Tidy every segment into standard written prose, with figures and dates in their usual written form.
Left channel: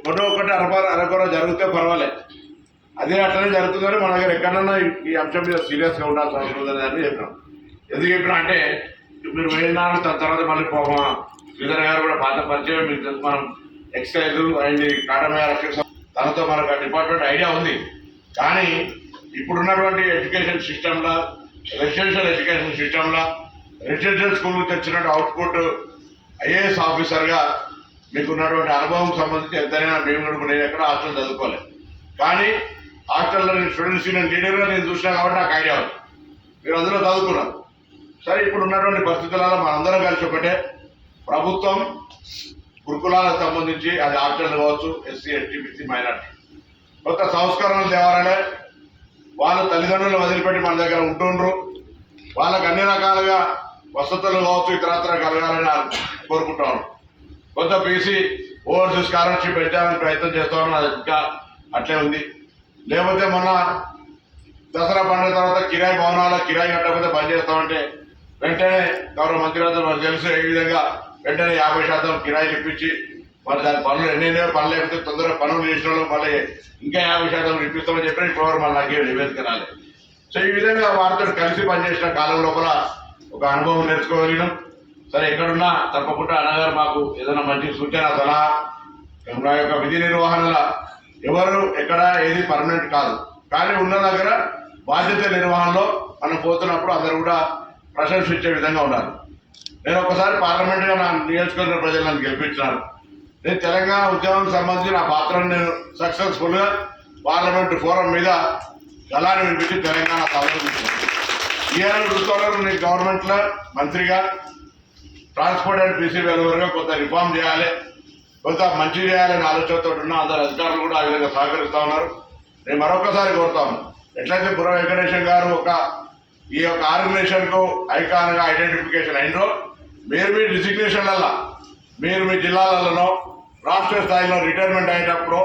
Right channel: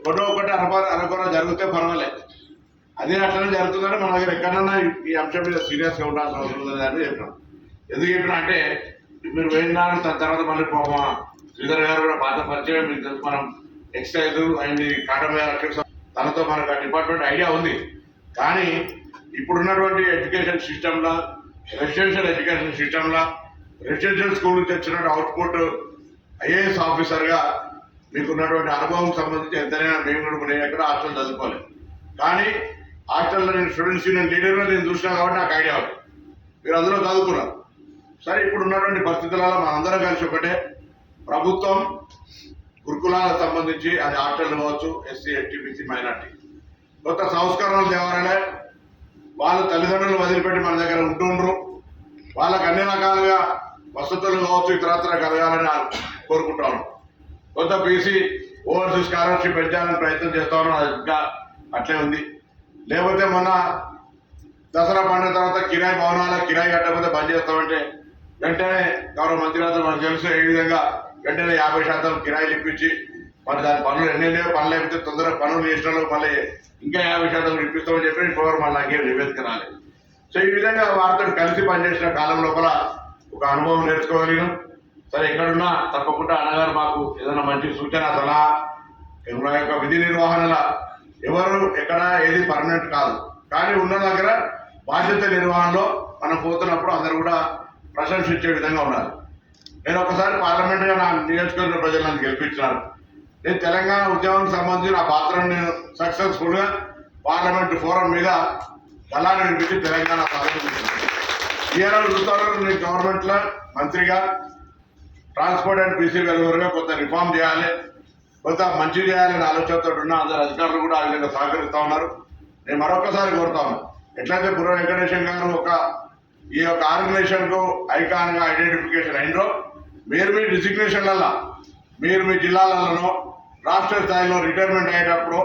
ఒకటో ఒకటి అరకొర జరిగితే పర్వాలేదు, అదే అట్లనే జరుగుతుందని మన దగ్గర ఎక్కడన్నా ఈ అంశం మీద సీరియస్గా ఉండాల్సిన అవసరం ఉందని చెప్పినాం. ఎందుకు చెప్పినా అంటే మీరు వెళ్ళినారు, దాని తర్వాత మళ్ళీ మా శ్రీధర్ గారు కూడా పాత పరిచయం, మీకు తెలుసు మనం ఎక్సైజ్ అండ్ కాటన్ తనతో మనకు డిపార్ట్మెంట్ ఐడియా ఉంది. కానీ ఇప్పుడున్నటువంటి ఎడ్యుకేషన్ సిస్టంలో, రెసిడెన్షియల్ ఎడ్యుకేషన్ సిస్టంలో రెసిడెన్షియల్ స్కూల్ నుంచి వచ్చినటువంటి అవుట్పుట్ ఐఏఎస్ ఆఫీసర్గా మీకున్నటువంటి అనుభవం సంబంధించి ఎంతైనా నేను ఎక్కడ హాస్టల్ చదువుకోలేదు, కానీ హాస్టల్లో నేను స్టూడెంట్స్ యూనియన్ లీడర్గా నేను చూసినా కాబట్టి నాకు ఐడియా ఉంది. మీరు అందులో చదువుకున్నారు. సరే, ఇప్పుడు ఉన్నటువంటి పరిస్థితులలో మనందరం కలిసి ఒకటే, ప్రభుత్వం గురుకులాలకు సంబంధించి అది హాస్టల్ కావచ్చు, ఎస్సీ ఎస్టీ బీసీ మైనార్టీ కొత్త సంస్కరణలు తేవాలనే వాళ్ళు తల్లిదండ్రులు వదిలిపెట్టి మన దగ్గర ఉంటుండ్రు. వాళ్ళకి అన్ని రకాలుగా వసతులు కావచ్చు, ఇతరత్ర కలగాలని కోరుకుంటాను. కొంత బీసీ ఓవర్సీస్ స్కాలర్షిప్ పెంచాలని ప్రయత్నం చేస్తాను, అది ఇంకా అట్లే ఉంది. లేకపోతే మొన్న దసరా పండుగ తర్వాత కిరాయి భవనాల కిరాయి కట్టకపోతే బంద్ చేస్తామంటే వెంటనే గౌరవ మంత్రివర్గం మనకు తెలుసు ఏ విధంగా వెంటనే 50% కిరాయిలు ఇప్పించి మరి దాని పనులు ఎన్నెన్నో పనులు లేకపోతే తొందరగా పనులు చేసిన మళ్ళీ ఇంకా 50% ఇప్పిస్తామని చెప్పి ఇప్పుడు మళ్ళీ నాకేం నివేదిక రాలేదు. సో ఈ విధంగా వారితో కలిసి పనిచేసిన కాలం లోపల ఒక అనుభవం నేర్చుకోగలిగినాం. సరే, ఎక్కడున్నా తప్పకుండా అన్నగారు మాకు ఏదైనా మంచి సూచన సలహా, మా యొక్క విధి నిర్వహణల ఎవరు ఎక్కడ ఏది పర్మనెంట్ కాదు, కానీ ఉన్న దగ్గర బాధ్యత నిర్వహణలో మనం పోతున్నప్పుడు అందరూ కూడా ప్రశంసించే విధంగా ఉండాలి. నేను ఒకసారి పార్లమెంట్గా నా నియోజకవర్గ ప్రజలు నన్ను గెలిపించినారు. నేను తెలంగాణ ఉద్యమానికి సంబంధించి నా పాత్రను నేను సక్సెస్ఫుల్గా పార్లమెంట్ ఫోరం మీద గలాన్ని వినిపించి తెలంగాణ సాధించాను. ఈఆర్ఎల్ చూస్తున్నారు, నేను గవర్నమెంట్లో మంత్రిగా ట్రాన్స్పోర్ట్ అండ్ బీసీ వెలువరుగా కొంత రిఫార్మ్ చేయాలి, కొంత మంచి చేయాలని ఆలోచనతో ఉన్న అందరు అధికారులు కూడా ఆ విధంగా సహకరిస్తూ ఉన్నారు. నేను మరొకసారి కోరుతా ఉన్నాను, ఎట్లయితే బుర్ర వెంకటేశం గారు ఈ యొక్క ఆర్గనైజేషన్కు ఐకాన్గా ఐడెంటిఫికేషన్ అయినో, మీరు మీ డిసిగ్నేషన్లలో మీరు మీ జిల్లాలలో రాష్ట్ర స్థాయిలో రిటైర్మెంట్ అయ్యేటప్పుడు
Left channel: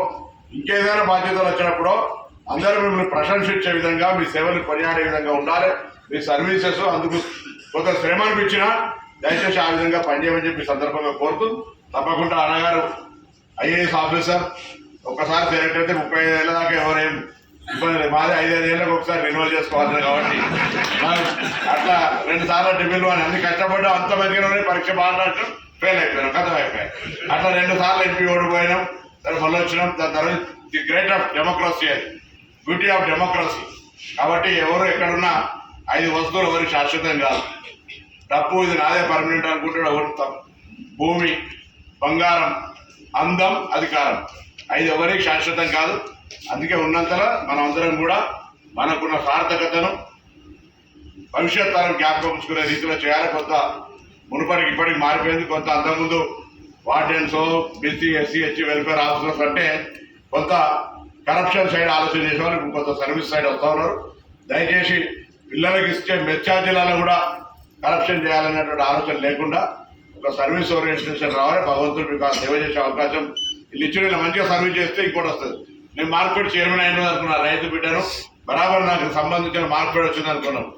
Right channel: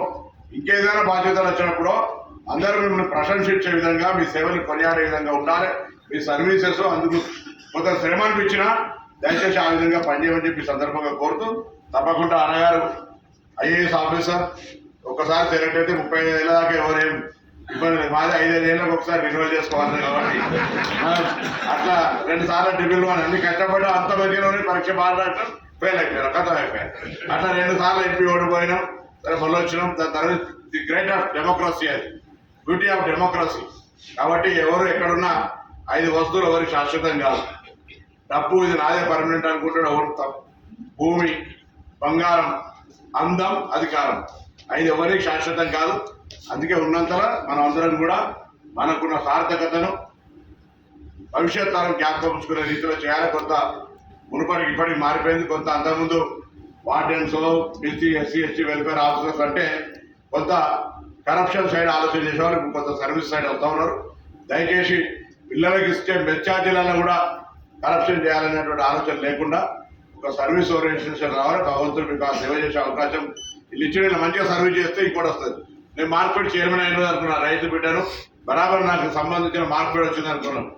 ఇంకేదైనా బాధ్యతలు వచ్చినప్పుడు అందరూ మిమ్మల్ని ప్రశంసించే విధంగా, మీ సేవలు కొనియాడే విధంగా ఉండాలి. మీ సర్వీసెస్ అందుకు కొంత శ్రమ అనిపించినా దయచేసి ఆ విధంగా పనిచేయమని చెప్పి సందర్భంగా కోరుతూ, తప్పకుండా అన్నగారు ఐఏఎస్ ఆఫీసర్ ఒకసారి సెలెక్ట్ అయితే 35 ఏళ్ళ దాకా ఎవరేం ఇబ్బంది లేదు. మాది 5-5 ఏళ్ళకి ఒకసారి రెన్యువల్ చేసుకోవాలి కాబట్టి మనం అట్లా 2 సార్లు డిగ్రీలు అని అన్ని కష్టపడ్డా అంత మందిలోనే పరీక్ష బాగా రావడం ఫెయిల్ అయిపోయారు, కథ అయిపోయారు. అట్లా 2 సార్లు ఎంపీ ఓడిపోయినాం, సరే మళ్ళీ వచ్చినాం. దాని తర్వాత ది గ్రేట్ ఆఫ్ డెమోక్రసీ, అది బ్యూటీ ఆఫ్ డెమోక్రసీ. కాబట్టి ఎవరు ఎక్కడున్నా 5 వస్తువులు ఎవరికి శాశ్వతం కాదు. డబ్బు ఇది నాదే పర్మనెంట్ అనుకుంటాడు ఎవరు, భూమి, బంగారం, అందం, అధికారం 5 ఎవరికి శాశ్వతం కాదు. అందుకే ఉన్నంతలో మనం అందరం కూడా మనకున్న సార్థకతను భవిష్యత్ తరం జ్ఞాపకం ఉంచుకునే రీతిలో చేయాలి. కొంత మునుపటికి ఇప్పటికి మారిపోయింది. కొంత అంతకుముందు wardens, BC SC ST welfare officers అంటే కొంత కరప్షన్ సైడ్ ఆలోచన చేసేవాళ్ళు, ఇప్పుడు కొంత సర్వీస్ సైడ్ వస్తూ ఉన్నారు. దయచేసి పిల్లలకి ఇచ్చే మెచ్చార్జీలలో కూడా కరప్షన్ చేయాలనేటువంటి ఆలోచన లేకుండా ఒక సర్వీస్ ఓరియంటేషన్ రావాలి. భగవంతుడు మీకు ఆ సేవ చేసే అవకాశం వీళ్ళు ఇచ్చిన మంచిగా సర్వీస్ చేస్తే ఇంకోటి వస్తుంది. నేను మార్కెట్ చైర్మన్ అయినది అనుకున్నా, రైతు బిడ్డను బరాబర్ నాకు సంబంధించిన మార్కెట్ వచ్చింది అనుకున్నాను.